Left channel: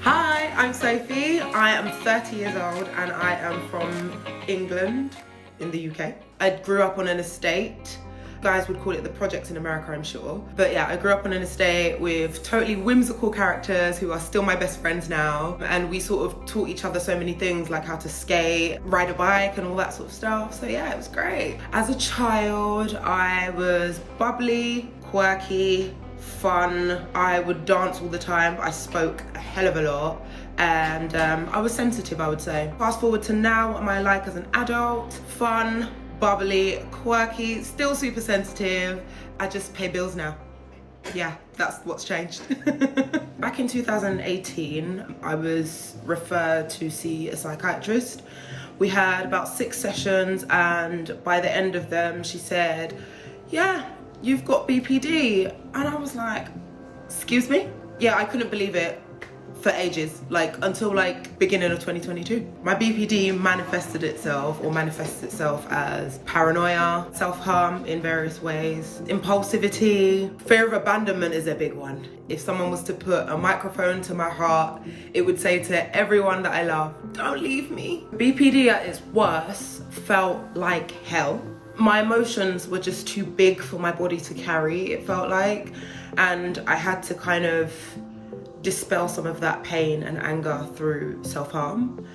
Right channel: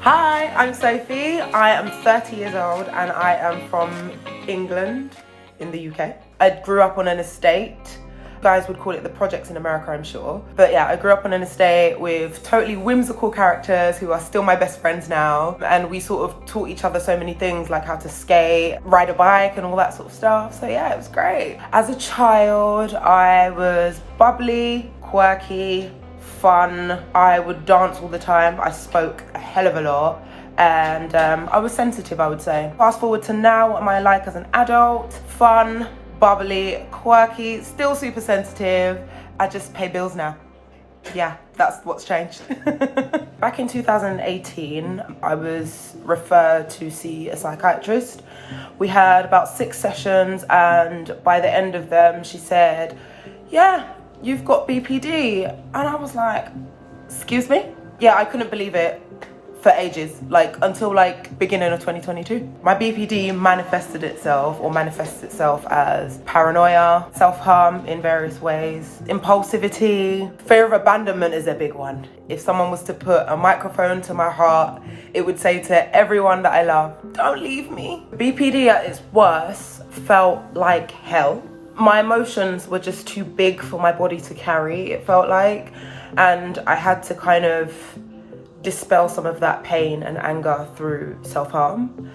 Hi, I'm Sophie. I am 30 years old and I am from England in the UK. I grew up on an estate. Guys would call it the projects in America, I'm sure. But yeah, I grew up on an estate with totally whimsical characters who are still my best friends now. And we sort of taught each other so many things like how to skate, ride a bike and all that sort of stuff. So yeah, it was great. As a child, I was bubbly, quirky, fun. I would dance all the time. I spoke a hell of a lot. And I was sensitive, I would say. Fast forward to now, what am I like as an adult? Fun, bubbly, quirky, still super sensitive. I just pay bills now. Yeah, that's what's changed. Back in 2018, I was referred to see a psychiatrist. We had about 6 sessions, and by the end of them, she said, yeah, you've got BPD. And I was like, excuse me? Yeah, I couldn't believe it for ages, until beginning of 2022. My BPD manifests itself as paranoia, self-harm in various ways, impulsivity, fear of abandonment is a big one. If someone was to put a microphone to my heart, it would say to everyone that I love, don't leave me. BPD at its worst felt like hell. My emotions were just too big for my body to carry, it felt like, and I had to kind of dispel some of that pain and anger through self-harm.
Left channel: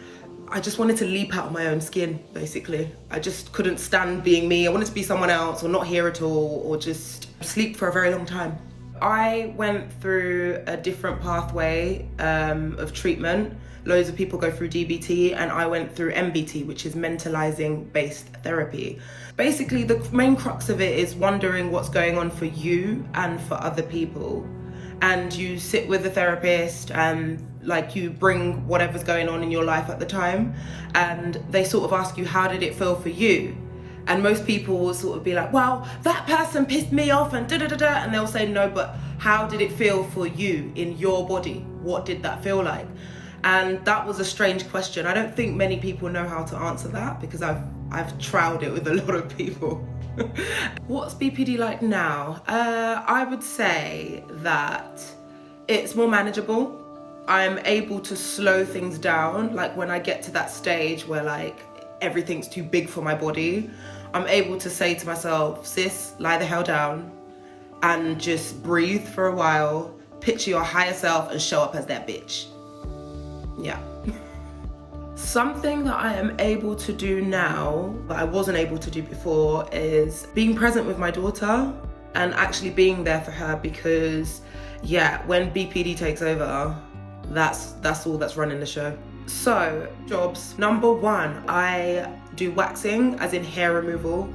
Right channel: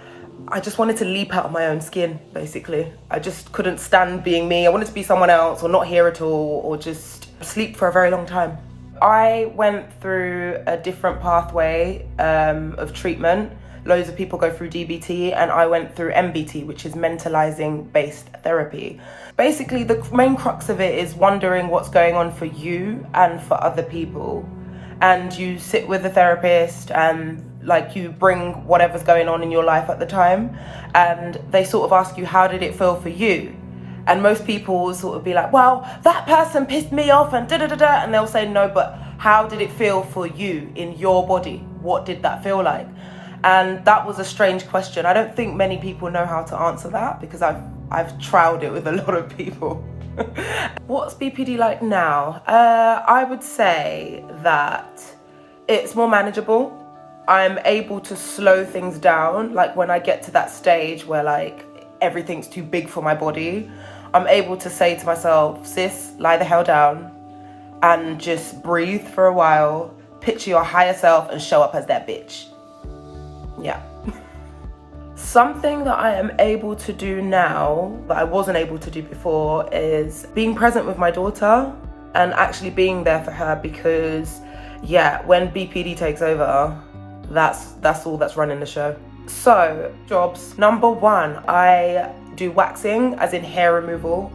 I just wanted to leap out of my own skin, basically. I just couldn't stand being me. I wanted to be someone else or not here at all or just sleep for a very long time. I went through a different pathway of treatment. Loads of people go through DBT and I went through MBT, which is mentalizing based therapy. Basically, the main crux of it is wondering what's going on for you and for other people. And you sit with a therapist and you bring whatever's going on in your life at the time, and they sort of ask you, how did it feel for you? And most people will sort of be like, well, that person pissed me off and da-da-da-da, and they'll say, no, but how did it feel for you in your body? What did that feel like? And that was a strange question. I don't think many people know how to answer that because I've trialed it with a lot of people. What's BPD like now? I would say that it's more manageable. I'm able to slow things down. When I get to that stage where everything's too big for my body, I'm able to say to myself, sis, lie the hell down and just breathe for a while, picture your higher self and show up as that bitch. Yeah. Something that I am able to do now that I wasn't able to do before is being present with my daughter and actually being there for her because, yeah, when BPD takes over, that's all that's running the show. So, jobs. Number 1, I do waxing, as in hair removal.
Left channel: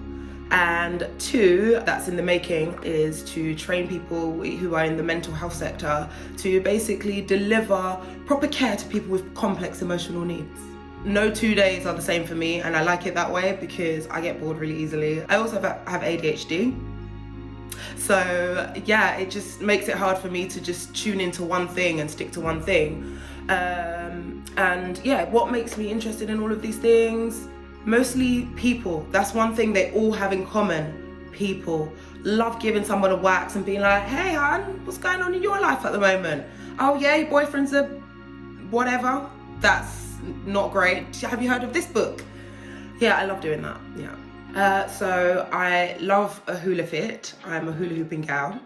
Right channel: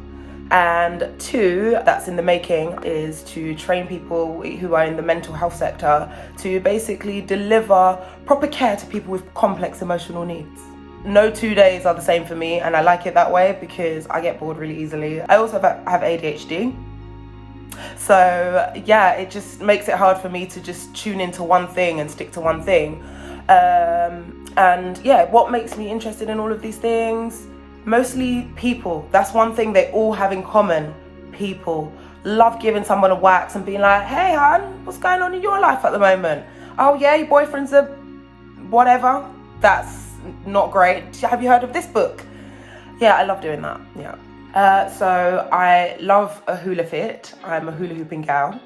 And 2, that's in the making, is to train people who are in the mental health sector to basically deliver proper care to people with complex emotional needs. No 2 days are the same for me, and I like it that way because I get bored really easily. I also have ADHD. So yeah, it just makes it hard for me to just tune into one thing and stick to one thing. And yeah, what makes me interested in all of these things? Mostly people. That's one thing they all have in common. People. Love giving someone a wax and being like, hey hon, what's going on in your life at the moment? Oh yeah, your boyfriend's a whatever. That's not great. Have you heard of this book? Yeah, I love doing that. Yeah. So I love a hula fit. I'm a hula hooping gal.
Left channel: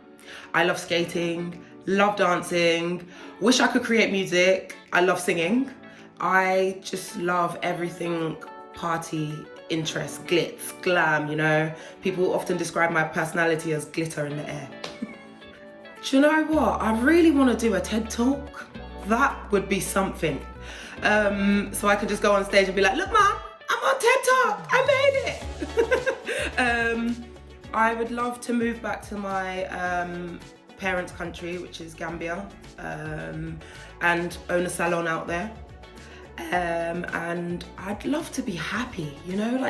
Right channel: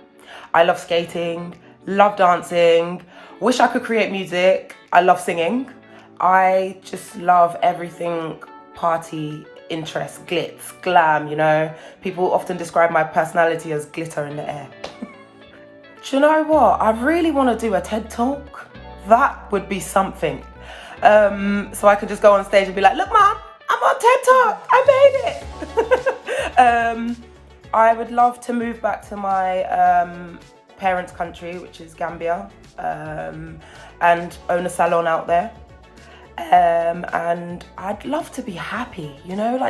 I love skating, love dancing, wish I could create music. I love singing. I just love everything party, interest, glitz, glam, People often describe my personality as glitter in the air. Do you know what? I really want to do a TED Talk. That would be something. So I could just go on stage and be like, look, Mom, I'm on TED Talk. I made it. I would love to move back to my parents' country, which is Gambia, and own a salon out there. And I'd love to be happy,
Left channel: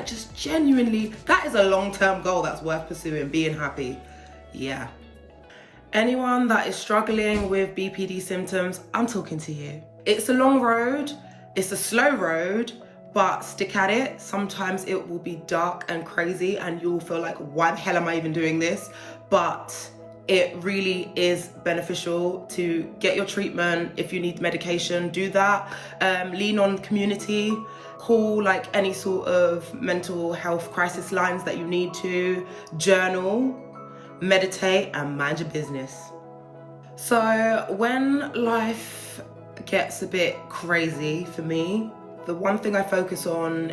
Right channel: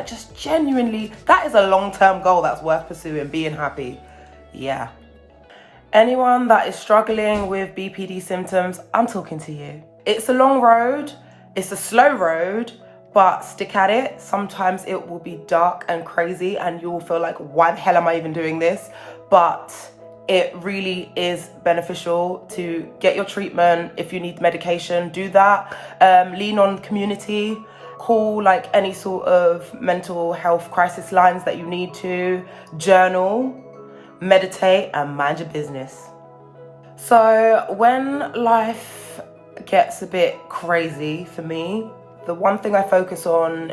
just genuinely, that is a long-term goal that's worth pursuing, being happy. Yeah. Anyone that is struggling with BPD symptoms, I'm talking to you. It's a long road, it's a slow road, but stick at it. Sometimes it will be dark and crazy and you'll feel like, why the hell am I even doing this? But it really is beneficial to get your treatment. If you need medication, do that. Lean on community. Call like any sort of mental health crisis lines that you need to. Journal, meditate, and mind your business. So when life gets a bit crazy for me, the one thing I focus on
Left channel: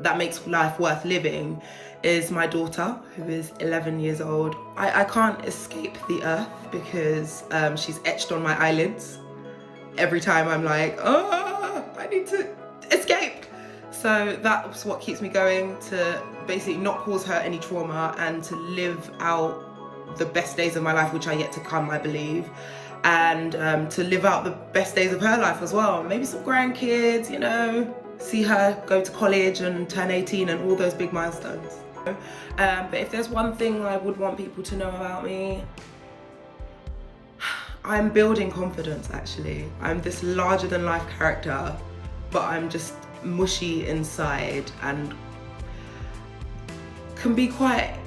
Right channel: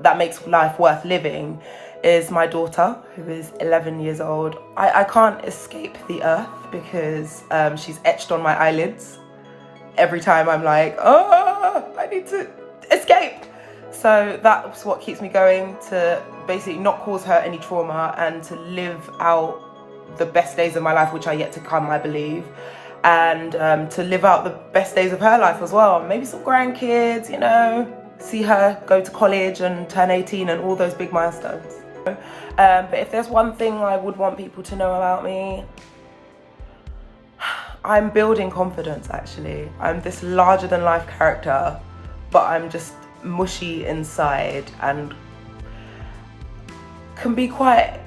that makes life worth living is my daughter, who is 11 years old. I can't escape the earth because she's etched on my eyelids. Every time I'm like, oh, I need to escape. So that's what keeps me going, to basically not cause her any trauma and to live out the best days of my life, which are yet to come, I believe. And to live out the best days of her life as well. Maybe some grandkids, you know, see her go to college and turn 18 and all those big milestones. But if there's one thing I would want people to know about me, I'm building confidence, actually. I'm this larger than life character, but I'm just mushy inside and can be quite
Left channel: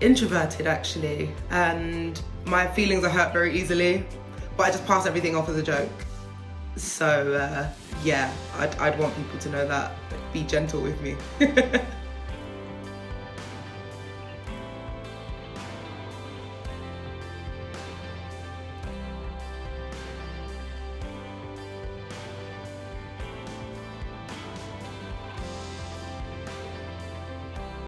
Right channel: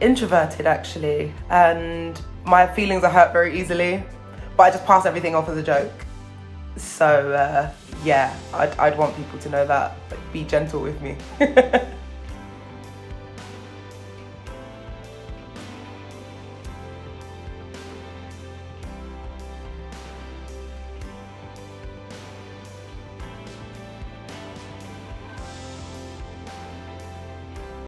introverted, actually. And my feelings are hurt very easily, but I just pass everything off as a joke. So yeah, I'd want people to know that, but be gentle with me.